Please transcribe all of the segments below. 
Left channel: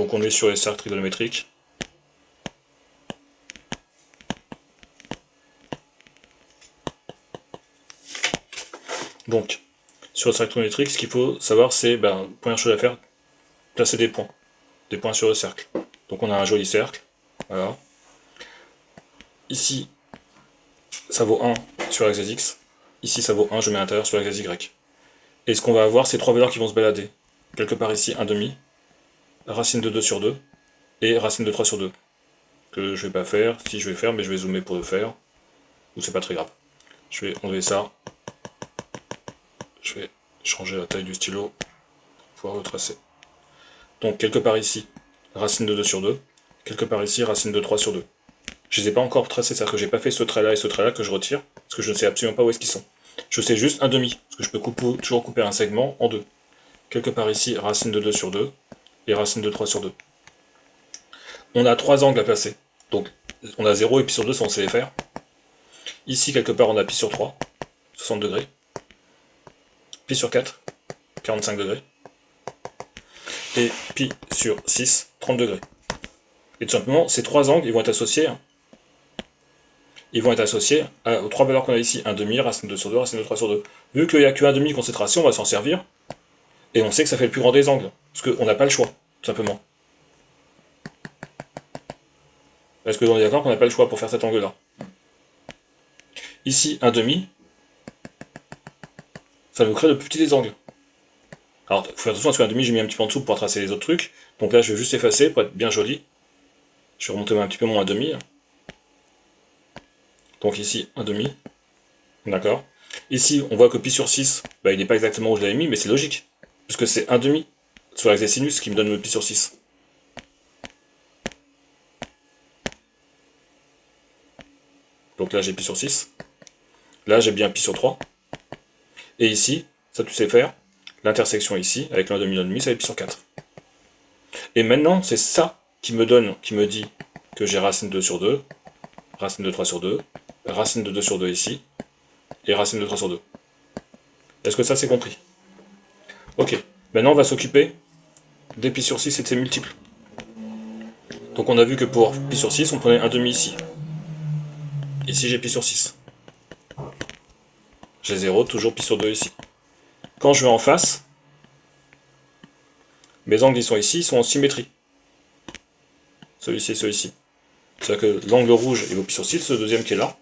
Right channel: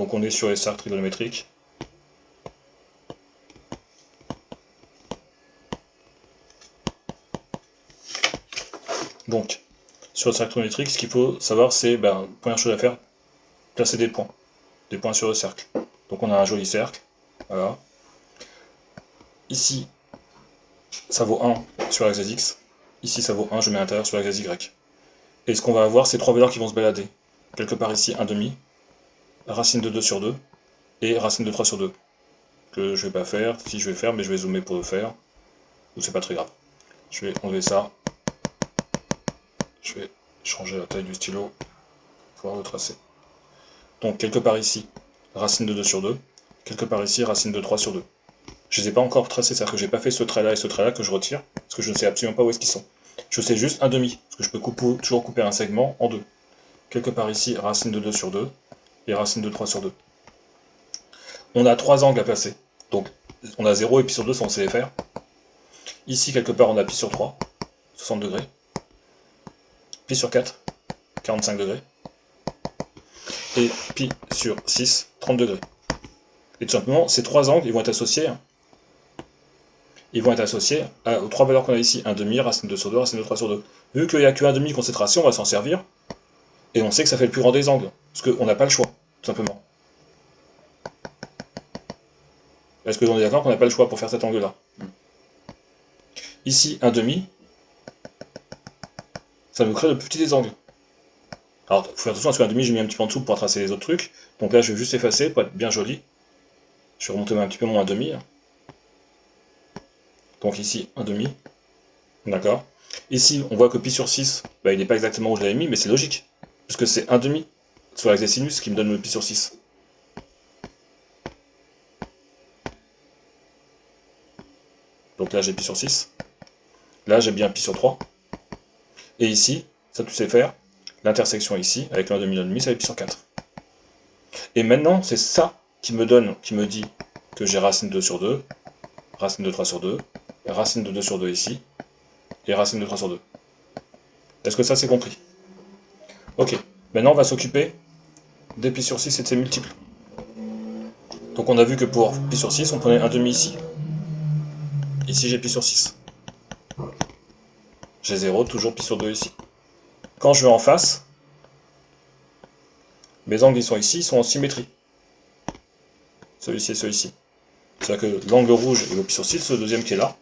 Donc on est sur les cercles trigonométriques. Donc, sur le cercle trigonométrique, ce qu'il faut savoir, c'est, première chose à faire, placer des points sur le cercle. Donc on a un joli cercle, voilà. Ici, ça vaut 1 sur l'axe x. Ici, ça vaut 1, je mets à l'intérieur sur l'axe y. Et ce qu'on va avoir, c'est trois valeurs qui vont se balader. Quelque part ici, 1/2, racine de 2 sur 2, et racine de 3 sur 2. Que je vais pas faire, si je vais faire, mais je vais zoomer pour le faire. Ou c'est pas très grave. Je vais enlever ça. Je vais changer la taille du stylo pour pouvoir le tracer. Donc quelque part ici, racine de 2 sur 2. Quelque part ici, racine de 3 sur 2. Je ne les ai pas encore tracés, c'est-à-dire que j'ai pas fait ce trait-là et ce trait-là que je retire, parce que je ne sais absolument pas où est-ce qu'ils sont. Je sais juste 1/2, parce que je peux toujours couper un segment en deux. Quelque part ici, racine de 2 sur 2, et racine de 3 sur 2. On a trois angles à placer. Donc on a 0 et pi sur 2, ça on sait les faire. Ici, quelque part, on a pi sur 3, 60 degrés. Pi sur 4, 45 degrés. Et pi sur 6, 30 degrés. Et tout simplement, ces trois angles, ils vont être associés aux trois valeurs qu'on a ici. 1/2, racine de 2 sur 2, racine de 3 sur 2. Vu qu'il n'y a que 1/2 concentration, on va s'en servir. Et on sait que ça fait le plus grand des angles. Parce qu'on n'a pas le choix, tout simplement. Est-ce que on est d'accord qu'on n'a pas le choix pour faire cet angle-là? Ici, 1/2, ça nous crée le plus petit des angles. Alors, il faut faire attention, parce que 1/2, j'ai mis un petit peu en dessous pour tracer les autres trucs. Donc là, je vais juste effacer pour être bien joli. Je vais remonter un petit peu mon 1/2. Donc ici, 1/2. D'accord. Ici, on voit que pi sur 6, il n'est pas exactement où je l'avais mis, mais c'est logique. Puisque c'est 1/2 sur l'axe des sinus qui me donne le pi sur 6. Donc là, j'ai pi sur 6. Là, j'ai bien pi sur 3. Et ici, ça tu sais faire, l'intersection ici, avec l'1/2, l'1/2, ça va pi sur 4. Et maintenant, c'est ça qui me dit que j'ai racine 2 sur 2, racine de 3 sur 2, racine de 2 sur 2 ici, et racine de 3 sur 2. Est-ce que ça c'est compris? Ok, maintenant on va s'occuper des pi sur 6 et de ses multiples. Donc on a vu que pour pi sur 6, on prenait 1/2 ici. Ici j'ai pi sur 6. J'ai 0, toujours pi sur 2 ici. Quand je vais en face, mes angles ils sont ici, ils sont en symétrie. Celui-ci et celui-ci. C'est-à-dire que l'angle rouge il vaut pi sur 6, le deuxième qui est là,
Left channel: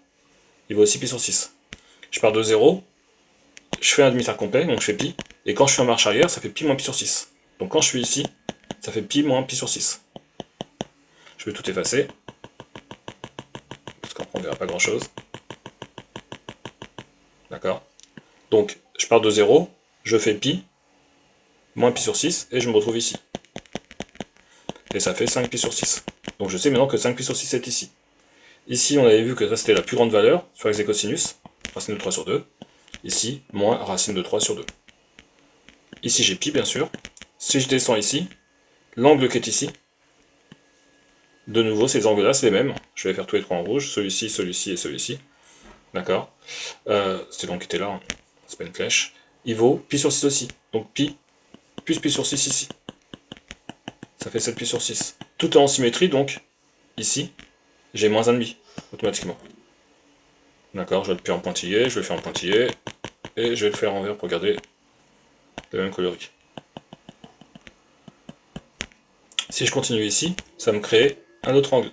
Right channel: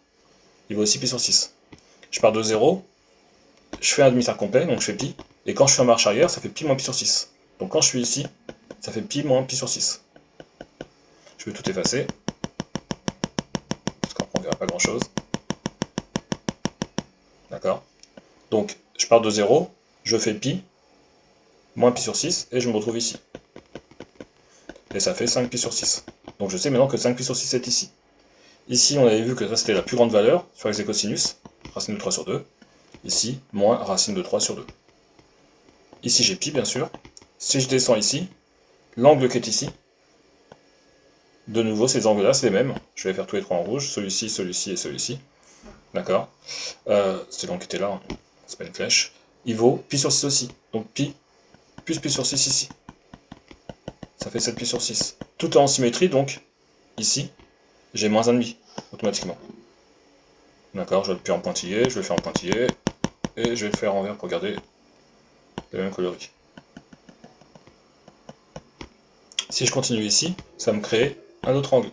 il vaut aussi pi sur 6. Je pars de 0, je fais un demi-cercle complet, donc je fais pi, et quand je fais en marche arrière, ça fait pi moins pi sur 6. Donc quand je suis ici, ça fait pi moins pi sur 6. Je vais tout effacer, parce qu'on ne verra pas grand-chose. D'accord. Donc je pars de 0, je fais pi, moins pi sur 6, et je me retrouve ici. Et ça fait 5 pi sur 6. Donc je sais maintenant que 5 pi sur 6 est ici. Ici, on avait vu que ça c'était la plus grande valeur sur les cosinus, racine de 3 sur 2. Ici, moins racine de 3 sur 2. Ici, j'ai pi, bien sûr. Si je descends ici, l'angle qui est ici, de nouveau, ces angles-là, c'est les mêmes. Je vais faire tous les trois en rouge, celui-ci, celui-ci et celui-ci. D'accord. C'est l'angle qui était là, hein. C'est pas une flèche. Il vaut pi sur 6 aussi. Donc pi plus pi sur 6 ici. Ça fait 7 pi sur 6. Tout est en symétrie, donc ici, j'ai moins 1,5 automatiquement. D'accord, je vais le faire en pointillé, je vais le faire en pointillé, et je vais le faire en vert pour garder le même coloris. Si je continue ici, ça va me créer un autre angle.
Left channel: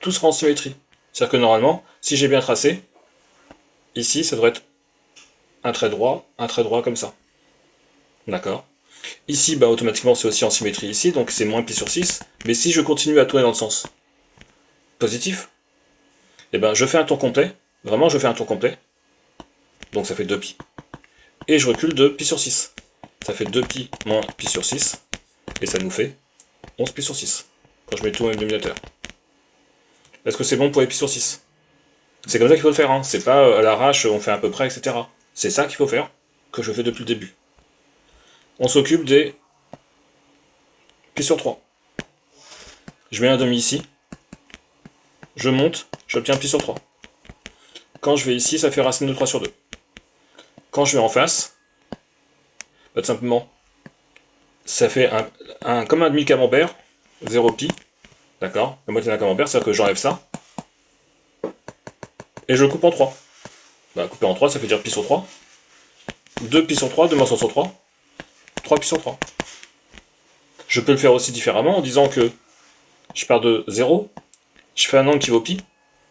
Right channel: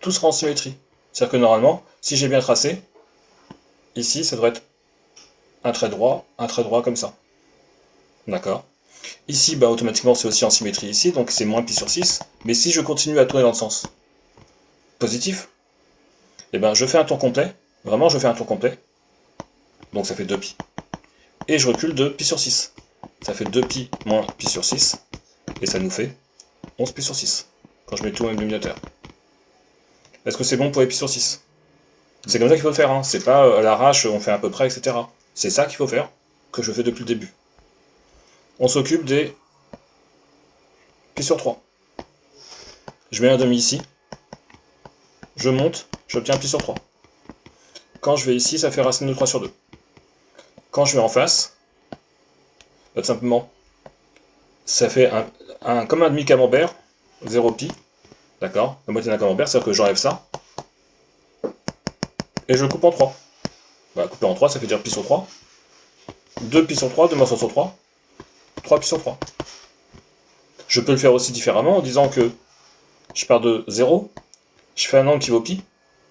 Tout sera en symétrie. C'est-à-dire que normalement, si j'ai bien tracé, ici, ça devrait être un trait droit comme ça. D'accord. Ici, automatiquement, c'est aussi en symétrie ici, donc c'est moins pi sur 6. Mais si je continue à tourner dans le sens positif, je fais un tour complet. Vraiment, je fais un tour complet. Donc ça fait 2 pi. Et je recule de pi sur 6. Ça fait 2 pi moins pi sur 6. Et ça nous fait 11 pi sur 6. Quand je mets tout au même dénominateur. Est-ce que c'est bon pour les pi sur 6? C'est comme ça qu'il faut le faire, hein. C'est pas à l'arrache, on fait à peu près, etc. C'est ça qu'il faut faire, que je fais depuis le début. On s'occupe des pi sur 3. Je mets un demi ici. Je monte, j'obtiens pi sur 3. Quand je vais ici, ça fait racine de 3 sur 2. Quand je vais en face, tout simplement, ça fait comme un demi-camembert, 0 pi, d'accord? La moitié d'un camembert, c'est-à-dire que j'enlève ça, et je le coupe en 3. Bah, couper en 3, ça fait dire pi sur 3. 2 pi sur 3, 2 morceaux sur 3, 3 pi sur 3. Je peux le faire aussi différemment en disant que je pars de 0, je fais un angle qui vaut pi,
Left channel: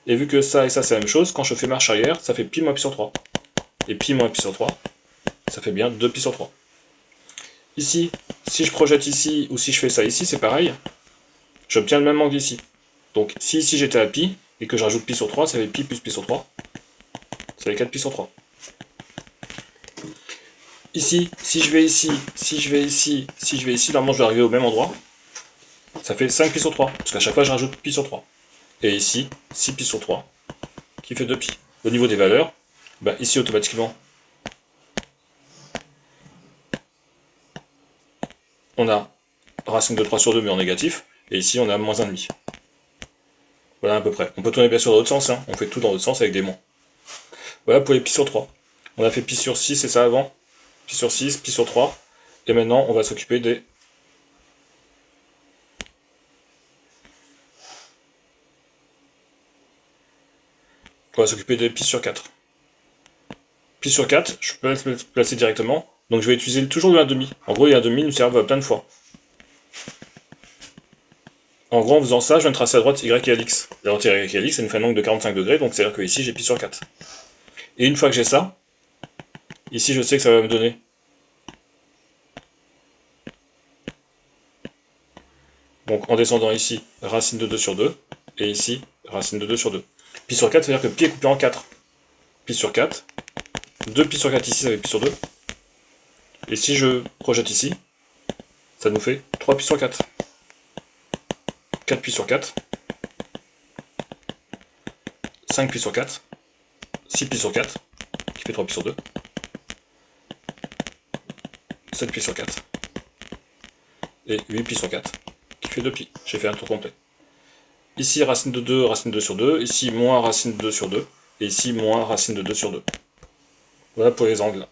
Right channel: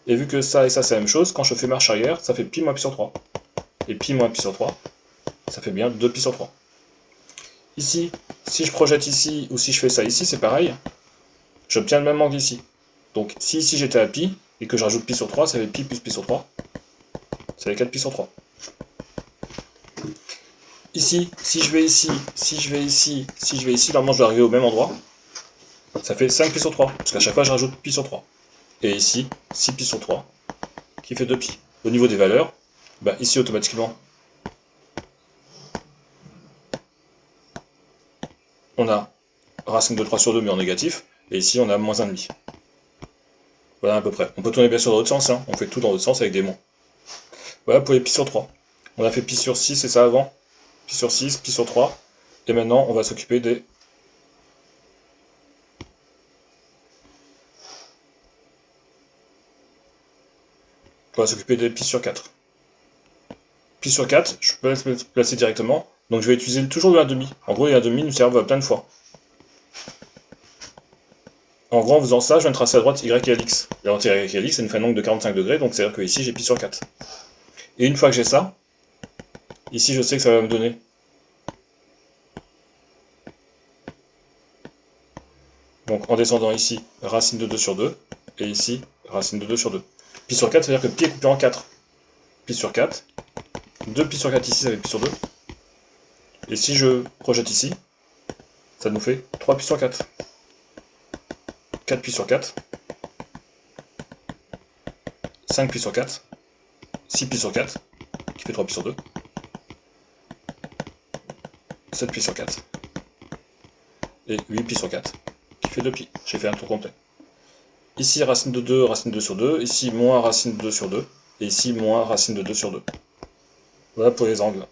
et vu que ça et ça c'est la même chose, quand je fais marche arrière, ça fait pi moins pi sur 3. Et pi moins pi sur 3, ça fait bien 2 pi sur 3. Ici, si je projette ici, ou si je fais ça ici, c'est pareil. J'obtiens le même angle ici. Donc si ici j'étais à pi, et que je rajoute pi sur 3, ça fait pi plus pi sur 3. Ça fait 4 pi sur 3. Ici, si je vais ici, si je vais ici, si je vais ici, normalement je vais arriver au même endroit. Ça fait 5 pi sur 3, parce qu'à chaque fois je rajoute pi sur 3. Et ici, 6 pi sur 3, qui fait 2 pi. Au niveau des valeurs, bah ici automatiquement, on a racine de 3 sur 2 mais en négatif, et ici on a moins 1,5. Voilà à peu près. On peut tourner bien sûr dans l'autre sens, hein. On fait tout dans l'autre sens avec des moins. Voilà pour les pi sur 3. On a fait pi sur 6, c'est ça avant. Pi sur 6, pi sur 3. Et maintenant on va s'occuper des... On va s'occuper des pi sur 4. Pi sur 4, je peux le placer directement. Donc je vais utiliser toujours le 1,5. En gros, les 1,5 nous servent plein de fois. En gros, en faisant ça, je viens de tracer à droite y et x. La droite y et x, ça nous fait un angle de 45 degrés, donc c'est-à-dire que ici j'ai pi sur 4. Et une fois que j'ai ça, ici je sais que ça va me donner. Donc en descendant ici, racine de 2 sur 2, et ici, racine de 2 sur 2. Pi sur 4, c'est-à-dire que pi est coupé en 4. Pi sur 4. 2 pi sur 4 ici, ça fait pi sur 2. Et si je projette ici, ça nous fait 3 pi sur 4. 4 pi sur 4. 5 pi sur 4. 6 pi sur 4, qui fait 3 pi sur 2. 7 pi sur 4. Et 8 pi sur 4, qui fait 2 pi. J'ai fait un tour complet. Ici, racine de 2, racine de 2 sur 2. Ici, moins racine de 2 sur 2. Et ici, moins racine de 2 sur 2. Voilà pour les angles.